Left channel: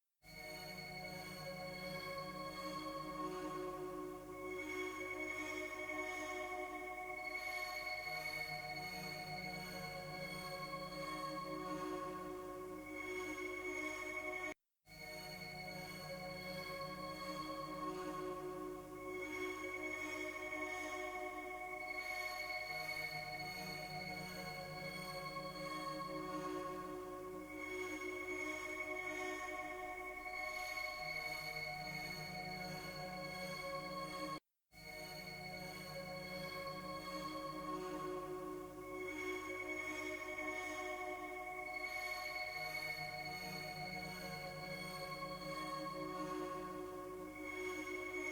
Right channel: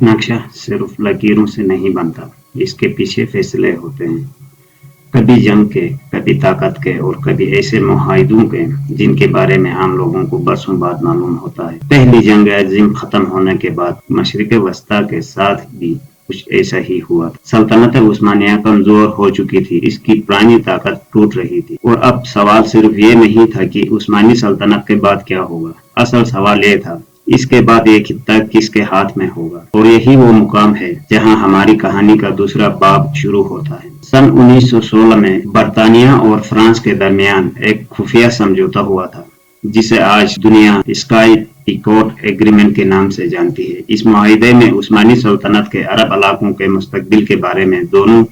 ایک نقشہ صرف لکیروں سے نہیں بنتا، اس کے پیچھے فیصلے ہوتے ہیں، کبھی جنگ کے، کبھی طاقت کے اور کبھی ایسے معاہدوں کے جن کے بارے میں عام لوگوں کو برسوں بعد معلوم ہوتا ہے۔ پہلی جنگ عظیم ختم ہونے کے بعد مشرق وسطیٰ کے ساتھ بھی کچھ ایسا ہی ہوا تھا۔ سلطنت عثمانیہ کمزور ہو چکی تھی، اس کی پرانی طاقت ٹوٹ رہی تھی، اور اب سوال صرف یہ نہیں تھا کہ عثمانی سلطنت کے بعد کیا ہوگا، اصل سوال یہ تھا اس کے بعد یہ خطہ کس کے ہاتھ میں ہوگا۔ اور یہی وہ مقام ہے جہاں ہماری کہانی کا دوسرا باب شروع ہوتا ہے۔ سن 1916 میں برطانیہ اور فرانس کے درمیان ایک خفیہ سمجھوتا ہوا تھا جسے آج دنیا اسکائی پیکوٹ ایگریمنٹ کے نام سے جانتی ہے۔ اس معاہدے میں عثمانی سلطنت کے عرب علاقوں کے مستقبل کے بارے میں دونوں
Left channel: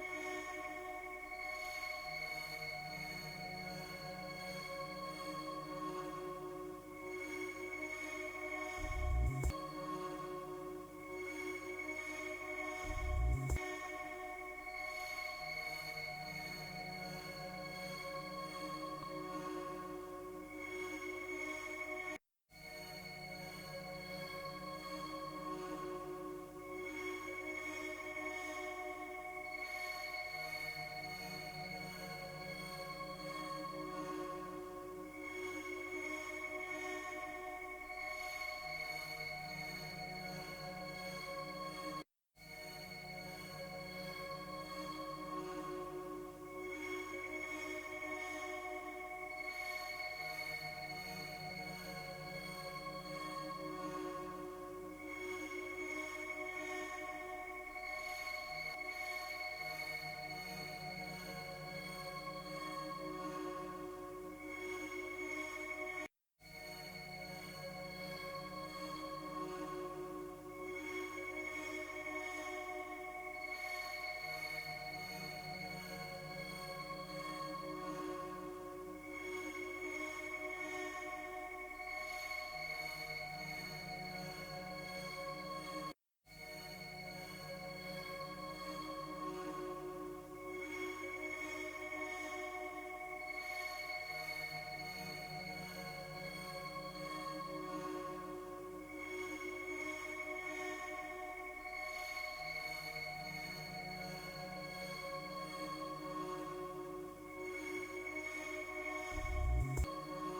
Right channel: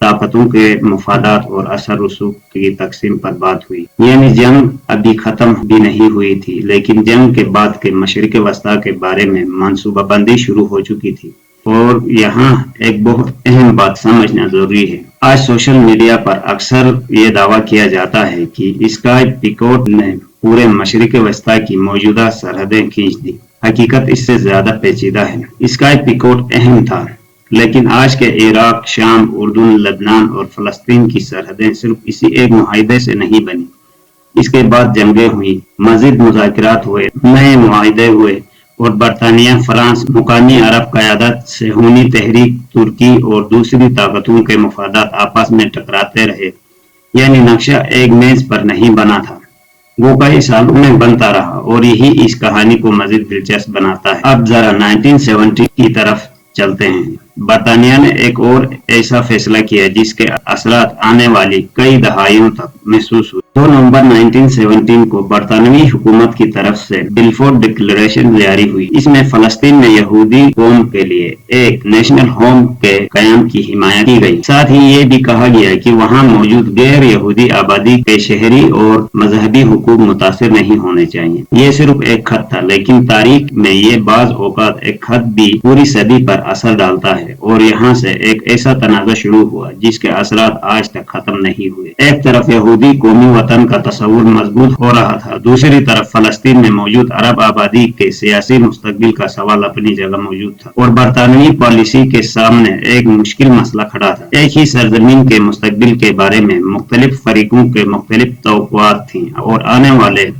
طاقتوں کے مفادات اور اثر رسوخ کی تقسیم پر بات ہوئی۔ یعنی جنگ ابھی ختم بھی نہیں ہوئی تھی، لیکن جنگ کے بعد کے مشرق وسطیٰ کے بارے میں منصوبہ بندی شروع ہو چکی تھی۔ اور یہاں ایک بہت اہم بات سمجھنا ضروری ہے۔ آج سوشل میڈیا پر اکثر یہ دعویٰ کیا جاتا ہے کہ اسکائی پیکوٹ نے پورے مشرق وسطیٰ کی موجودہ سرحدیں کھینچ دی۔ حقیقت اس سے زیادہ پیچیدہ ہے۔ اسکائی پیکوٹ اہم تھا، لیکن آج کے عراق، شام، اردن، لبنان اور فلسطین کی سرحدیں صرف اسی ایک معاہدے سے نہیں بنی۔ اس کے بعد جنگیں ہوئیں، مزید مذاکرات ہوئے، نئے معاہدے ہوئے، اور برطانیہ، فرانس، مقامی عرب قیادت، صہیونی تحریک، ترکی اور دوسری طاقتوں کے مفادات آپس میں ٹکراتے رہے۔ یعنی نقشہ ایک میز پر نہیں بنا تھا، وہ کئی سالوں میں بنتا رہا، اور یہی اس کہانی کو مزید دلچسپ بناتا ہے۔ اب ذرا 1970 کی طرف چلتے ہیں۔ برطانیہ نے ایک اور ایسا فیصلہ کیا جس کے اثرات آنے والی کئی دہائیوں تک محسوس ہوئے۔ 2 نومبر 1917 کو برطانوی حکومت کی طرف سے بلفور ڈکلریشن جاری ہوئی۔ اس میں فلسطین میں یہودی قوم کے لیے ایک نیشنل ہوم کے قیام کی حمایت کی گئی۔ ساتھ ہی یہ بھی کہا گیا کہ وہاں موجود غیر یہودی آبادی کے شہری اور مذہبی حقوق متاثر نہیں ہونے چاہیے۔ یہ صرف ایک خط تھا، لیکن تاریخ میں یہ بعض اوقات ایک خط بھی پوری صدی پر اثر ڈالتا ہے، اور یہاں سے ایک ایسا تنازع شروع ہوا جس کے اثرات آج تک ختم نہیں ہوئے۔ ایک طرف یہودی قومی وطن کا تصور مضبوط ہو رہا تھا، دوسری طرف فلسطین میں موجود عرب آبادی کے سیاسی مستقبل کا سوال اپنی جگہ موجود تھا، اور برطانوی پالیسی کے سامنے ایک مشکل مسئلہ کھڑا تھا۔ ایک ہی سرزمین کے مستقبل کے بارے میں مختلف فریقوں کے مختلف توقعات تھیں، اور آنے والے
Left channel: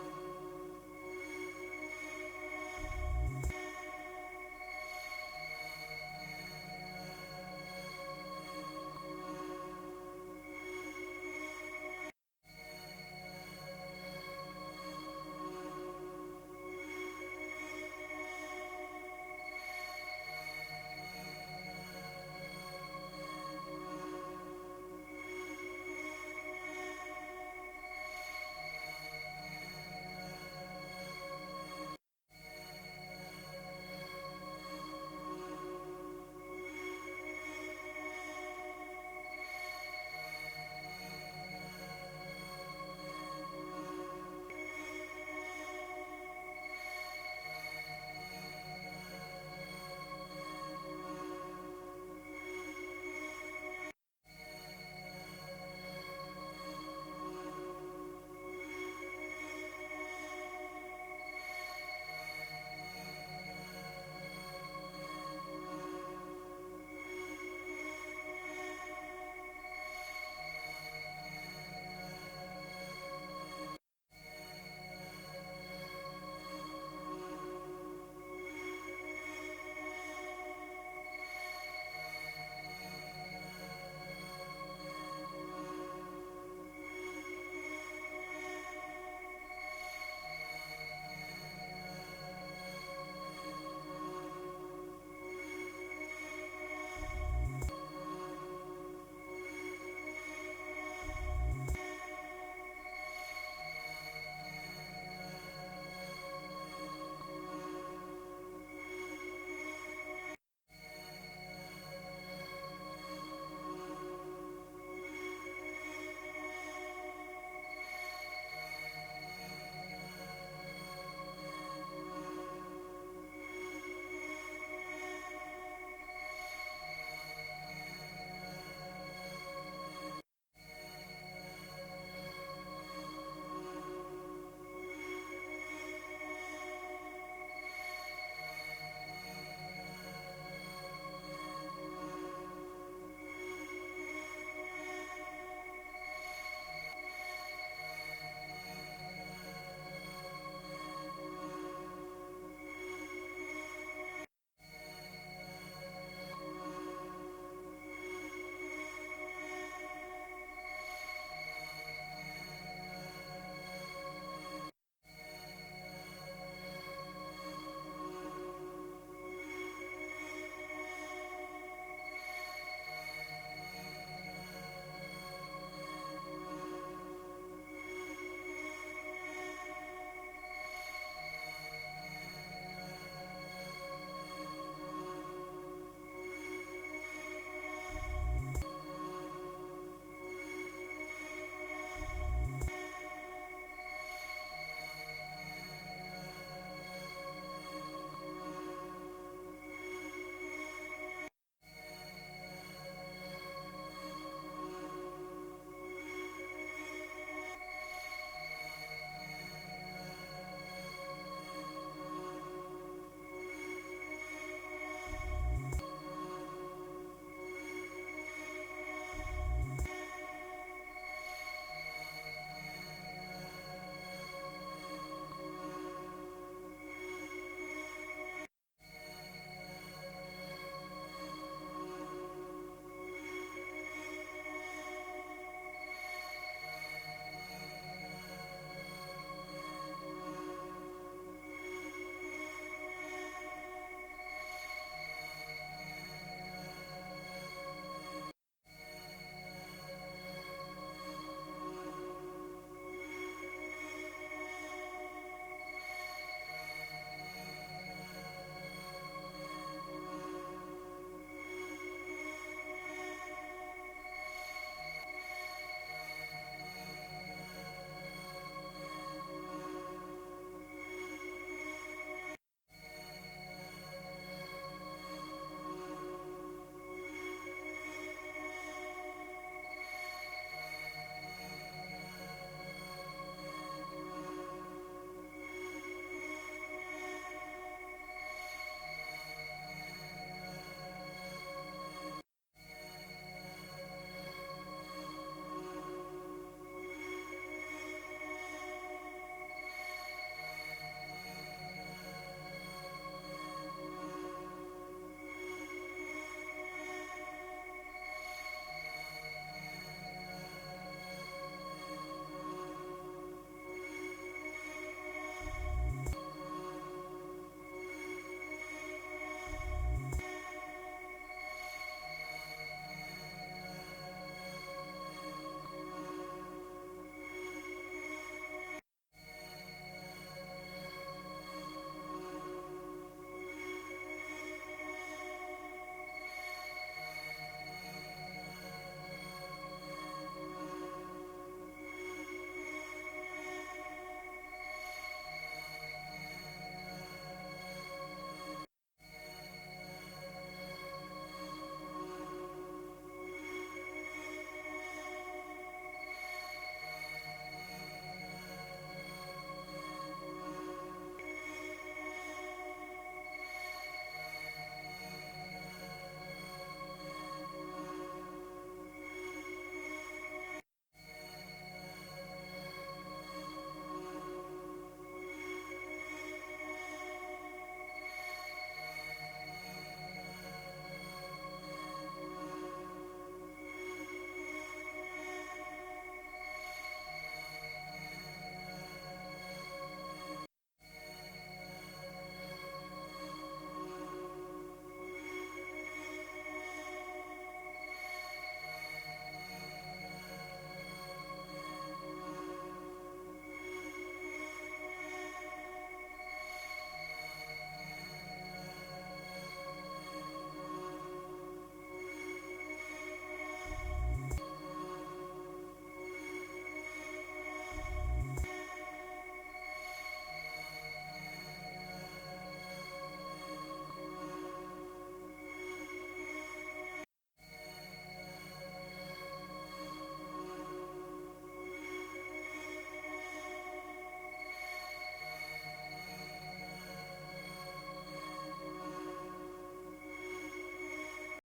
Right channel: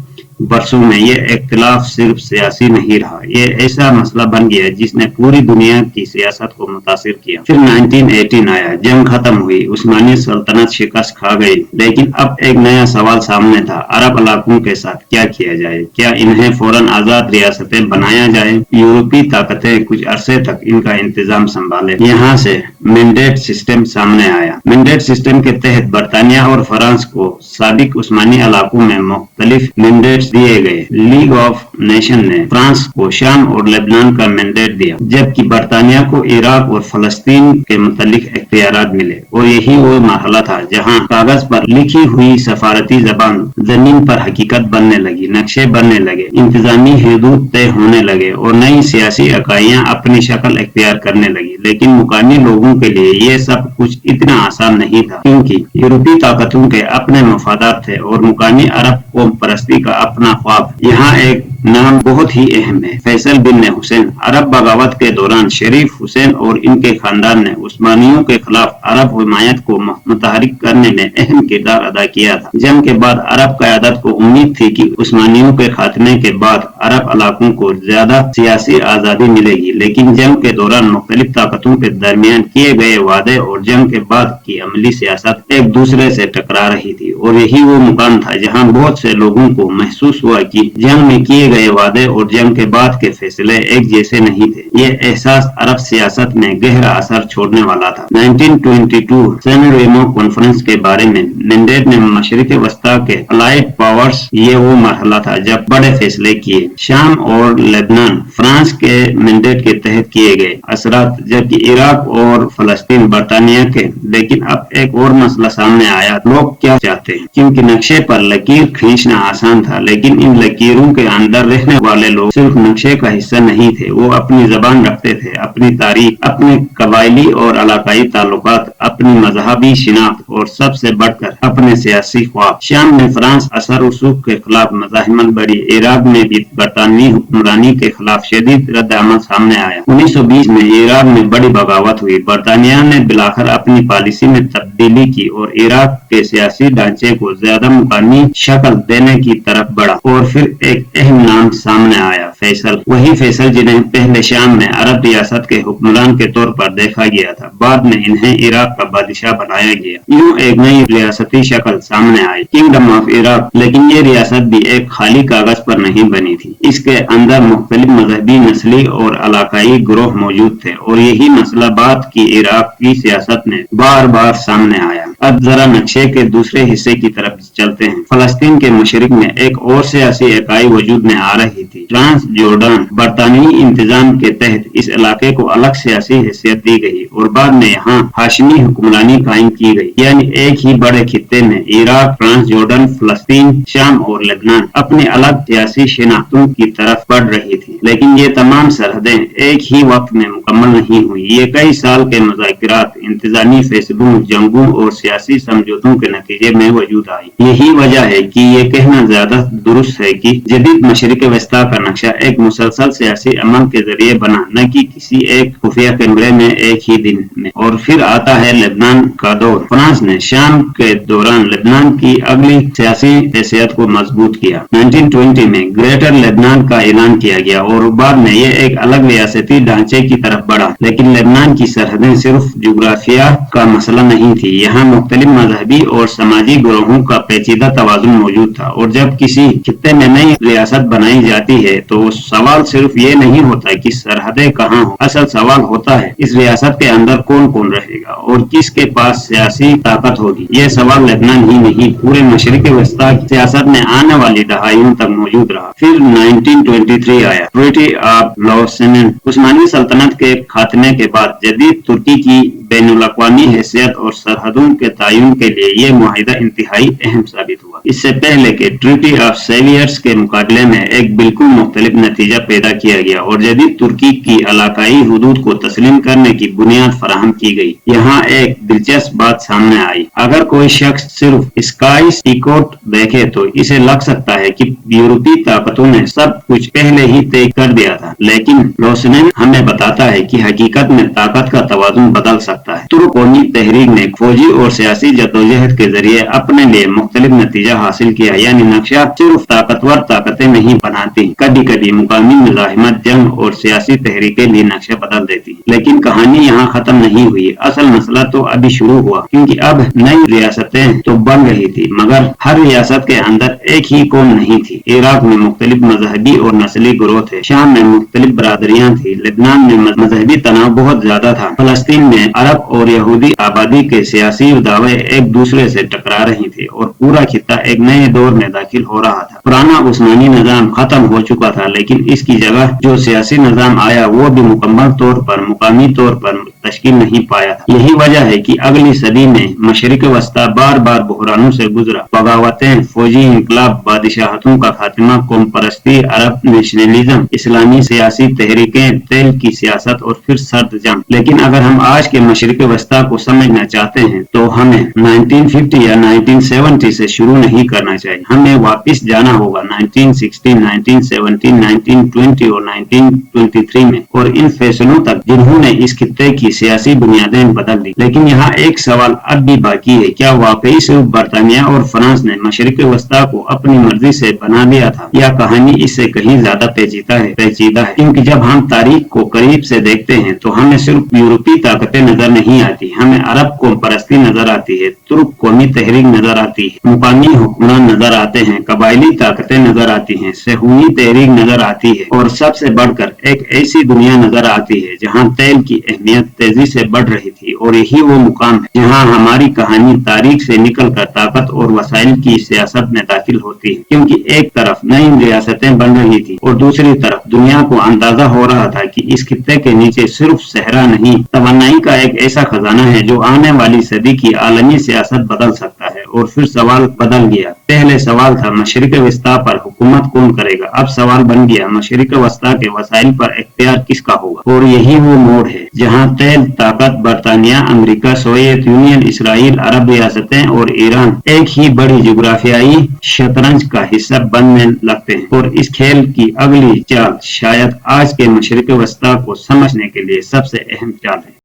برسوں میں یہ اختلاف صرف سیاسی نہیں رہا، یہ ایسا مسئلہ بن گیا جس نے پوری دنیا کی سیاست کو متاثر کیا۔ پھر 1918 آیا، جنگ ختم ہوئی، عثمانی سلطنت شکست کھا گئی، لیکن اب ایک نیا سوال سامنے تھا، عرب علاقوں کے ساتھ کیا کیا جائے؟ کیا انہیں فوراً آزاد ریاستیں بنایا جائے؟ یورپی طاقتیں کچھ عرصے تک ان کا انتظام سنبھالے۔ یہاں سے مینڈیٹ سسٹم سامنے آیا۔ مینڈیٹ سسٹم کے تحت برطانیہ اور فرانس کو سابق عثمانی علاقوں میں مختلف مینڈیٹ دیے گئے۔ لیگ آف نیشن نے فرانس کو شام اور لبنان کا مینڈیٹ دیا، جبکہ برطانیہ کو عراق اور فلسطین کے متعلق اختیارات ملے۔ اور یہی وہ مرحلہ تھا جہاں کاغذ پر لکھی ہوئی سفارتی زبان زمین پر حقیقت بننے لگی، نقشے بننے لگے، انتظامی حدود طے ہونے لگے، اور نئی سیاسی اکائیاں اپنی شکل اختیار کرنے لگی۔ لیکن مقامی لوگوں کے لیے یہ سب کچھ اتنا آسان نہیں تھا، کیونکہ یورپی طاقتوں کے اپنے مفادات تھے اور مقامی عرب قوم پرستی کا اپنا خواب۔ یہاں ایک نام بہت ہی اہم ہے، فیصل بن حسین۔ عرب بغاوت کے دوران شریف حسین اور ان کے خاندان نے عثمانیوں کے خلاف عرب حمایت کو متحرک کرنے میں اہم کردار ادا کیا تھا۔ جنگ کے بعد عرب قیادت کو امید تھی کہ عثمانیوں کے خاتمے کے بعد عرب علاقوں کو زیادہ سیاسی آزادی ملے گی، لیکن جنگ کے دوران مختلف طاقتوں کے درمیان کیے گئے وعدے اور جنگ کے بعد کی عملی سیاست ایک دوسرے سے ٹکرا رہی تھی، اور یہی وہ مقام تھا جہاں بہت سے لوگوں کو محسوس ہوا کہ جنگ میں کیے گئے وعدے اور جنگ کے بعد کے فیصلے ایک جیسے نہیں تھے۔ یہ احساس عرب سیاست میں گہرا اثر چھوڑنے والا تھا۔ 1922 سین ریمو کانفرنس کے بارے میں مینڈیٹ نے مشرق وسطیٰ کے الائیڈ پاورز، یہ وہ مرحلہ تھا جب بڑے فیصلے کیے۔ شام اور لبنان فرانس کے مینڈیٹ کے تحت کیے گئے اثرات، جبکہ عراق اور فلسطین برطانیہ کے۔ لیکن اب ایک اور مسئلہ سامنے آیا، لوگ کیا چاہتے ہیں؟ کیونکہ نقشے پر لکیر کھینچنا آسان تھا، لیکن ان لکیروں کے اندر अंदर रहने वाले लोग सिर्फ नक्शे का हिस्सा नहीं थे, वो अपनी जबान रखते थे, अपनी तारीख, अपने कबायली और इलाकाई ताल्लुकात, अपनी मजहबी शिनाख्त और सबसे बढ़कर अपने सियासी ख्वाब। शाम में फ्रांस असर रसूख के खिलाफ मज़ाहिमत बढ़ी। इराक में भी बरतानवी हुक्मरानी के खिलाफ शदीद रद्द-ए-अमल सामने आया। 1920 में इराक में बड़ी बगावत हुई। बरतानिया ने बिलाखिर अपनी पॉलिसी में तब्दीली की और इराक के सियासी ढांचे को ज्यादा मुकामी शक्ल देने की तरफ बढ़ा और फिर एक अहम नाम सामने आया, फैसल। वही फैसल जिन्हें पहले शाम में अरब रियासत के हुक्मरान के तौर पर देखा गया था, बाद में इन्हें इराक का बादशाह बनाया गया। यूं एक नई रियासती शक्ल सामने आई, किंगडम ऑफ इराक। लेकिन ये रियासत भी एक खाली कागज पर नहीं बनी थी। इसके अंदर मुख्तलिफ मजहबी, नस्ली और इलाकाई ग्रोह मौजूद थे और यही मसला बाद की इराक की सियासत में बार बार सामने आया। अब जरा नक्शे के दूसरे हिस्से की तरफ चलते हैं। फलस्तीन के मशरिक में एक और सियासी इकाई वजूद में आ रही थी, ट्रांस जॉर्डन। बरतानवी इंतजाम के तहत इस इलाके को अलग सियासी हैसियत दी गई और बाद में यहाँ हाशमी हुक्मरानी कायम की गई, यानी एक ही बड़े खित्ते में इराक, ट्रांस जॉर्डन, फलस्तीन, शाम और लेबनान अपनी अलग सियासी शिनाख्तों की तरफ बढ़ रही थी। लेकिन ये तमाम सरहदें एक ही वक्त में मुकम्मल नहीं हुई। ये कई साल के मुज़ाकरात, इंतजामी फैसलों, जंगों और सियासी समझौतों के नतीजे में वजूद आई। यही वजह है कि ये कहना ज्यादा दुरुस्त है कि जदीद मशरिक वस्ता का नक्शा एक मुसलसल सियासी अमल के जरिए बना, न कि किसी एक खुफिया कैमरे में एक ही दिन में। और फिर आता है लेबनान का दौर। फ्रांस ने शाम के दौरान लेबनान की अगली सियासी हैसियत को मजबूत किया। 1920 में ग्रेटर लेबनान का ऐलान किया गया और बाद में ये एक अलग रियासती ढांचे की तरफ बढ़ा। लेकिन लेबनान की सरहदें सिर्फ जुग्राफिया का मसला नहीं थी, यहाँ मुख्तलिफ मजहबी और समाजी ग्रोहों का पेचीदा तवाजुन मौजूद था। और जब किसी खित्ते में नई रियासत बनाई जाती है तो सवाल सिर्फ ये नहीं होता कि सरहदें कहाँ हो, असल सवाल होता है इस रियासत के अंदर कौन कौन रहेगा और किसके पास सियासी ताकत होगी। ये सवाल लेबनान ही नहीं, पूरे मशरिक वस्ता सियासत में आने वाली दहाइयों तक मौजूद रहा। फिर 1923 आया, ट्रीटी ऑफ लॉसेन। उस्मानी सल्तनत के खात्मे के बाद जदीद तुर्की की बैनुल अक़वामी हैसियत और सरहदों के तयन के लिए ये मुआहिदा इंतहाई अहम साबित हुआ। इससे पहले के ट्रीटी ऑफ सेवियर्स के मुकाबले में एक बिल्कुल मुख्तलिफ नतीजा पैदा किया गया और जदीद तुर्की की इलाकाई हुदूद को तस्लीम करने की बुनियाद फराहम की गई। यहाँ एक दिलचस्प बात सामने आई। अगर कोई शख्स सिर्फ स्काइस इकोट देखे तो इसे लग सकता है कि यूरोपीय ताकतों ने सब कुछ पहले ही तय कर दिया था, लेकिन लॉसेन हमें बताता है कि हकीकत में ताकत का तवाज़ुन बदल सकता है। तुर्क कौमी तहरीक ने फौजी और सियासी जद्दोजहद के जरिए अपने लिए मुख्तलिफ नतीजा हासिल किया, यानी नक्शा सिर्फ ताकतवर ताकतें नहीं बनाती, कभी कभी मुकामी मुजाहिमत, जंग और सियासी तहरीकें भी नक्शा बदल देती। लेकिन कहानी यहाँ खत्म नहीं हुई, असल मसला तो अभी शुरू हुआ, क्योंकि अब नई रियासतें तो बन रही थी मगर हर रियासत के अंदर एक ही कौम नहीं थी। इराक में मुख्तलिफ मजहबी और नस्ली ग्रोह थे, शाम में मुख्तलिफ बरादरियां थी, लेबनान में मजहबी तनाव बहुत ज्यादा था, फलस्तीन में अरब और यहूदी आबादी के सियासी दावे एक दूसरे से टकरा रही थी और पूरा खित्ता एक नए दौर में दाखिल हो रहा था। पुराना उस्मानी निजाम खत्म हो चुका था, लेकिन इसकी जगह जो सियासी निजाम आया वो भी मुकम्मल तौर पर, मुकामी तौर पर तश्कील नहीं पाया था। यही वजह है कि अगली सदी में मशरिक वस्ता बार बार बहरानों से गुजरा। बगावतें, फौजी इंकलाब, बादशाहतों का खात्मा, कौम परस्ती, अरब नेशनलिज्म, इस्लामी सियासी तहरीकें, तेल की सियासत और फिर सर्द जंग। लेकिन अगर हम आज के मशरिक वस्ता को समझना चाहते हैं तो हमें 1950 या 1970 से शुरू नहीं करना चाहिए। हमें वापस जाना होगा 1916, 1917, 1920 और 1923 में और इन फैसलों तक जिन्होंने इस खित्ते की सियासी बुनियादें बदल दी। लेकिन यहाँ एक सवाल अब भी बाकी है, क्या वाकई सिर्फ बरतानिया और फ्रांस ने मशरिक वस्ता को अपनी मर्जी से बना दिया था या कहानी इससे कहीं ज्यादा पेचीदा है? क्योंकि जब हम तारीख को करीब से देखते हैं तो हमें सिर्फ यूरोपीय ताकतें नजर नहीं आती, हमें अरब कौम परस्ती नजर आती है, तुर्क कौमी तहरीक नजर आती है, मुकामी हुक्मरान नजर आते हैं, कबायली ताकतें नजर आती हैं, सहूनी तहरीक नजर आती है और सबसे बढ़कर एक ऐसी दुनिया नजर आती है जहाँ तेल की अहमियत तेजी से बढ़ रही थी। और यही वो मुकाम है जहाँ हमारी कहानी तारीख से निकलकर ताकत और वसाइल की सियासत में दाखिल होती है, क्योंकि एक तरफ नई रियासतें बन रही थी और दूसरी तरफ दुनिया को अंदाजा हो रहा था कि इस खित्ते के नीचे सिर्फ सहरा नहीं, तवानाई का एक ऐसा खजाना है जो आने वाली सदी की आलमी सियासत बदल सकता है। और फिर सवाल बदल गया। पहले सवाल था मशरिक वस्ता पर हुकूमत कौन करेगा, अब सवाल बन गया मशरिक वस्ता के वसाइल पर इख्तियार किसका होगा। और यही वो मोड़ है जहाँ तेल ताकत बरतानिया, अमेरिका, सोवियत यूनियन, इसराइल, अरब रियासतें और ईरान एक ही बड़ी जुग्राफियाई शतरंज का हिस्सा बनने लगते हैं। और इस खेल की अगली चाल शायद आज के मशरिक वस्ता को समझने के लिए सबसे अहम चाल है।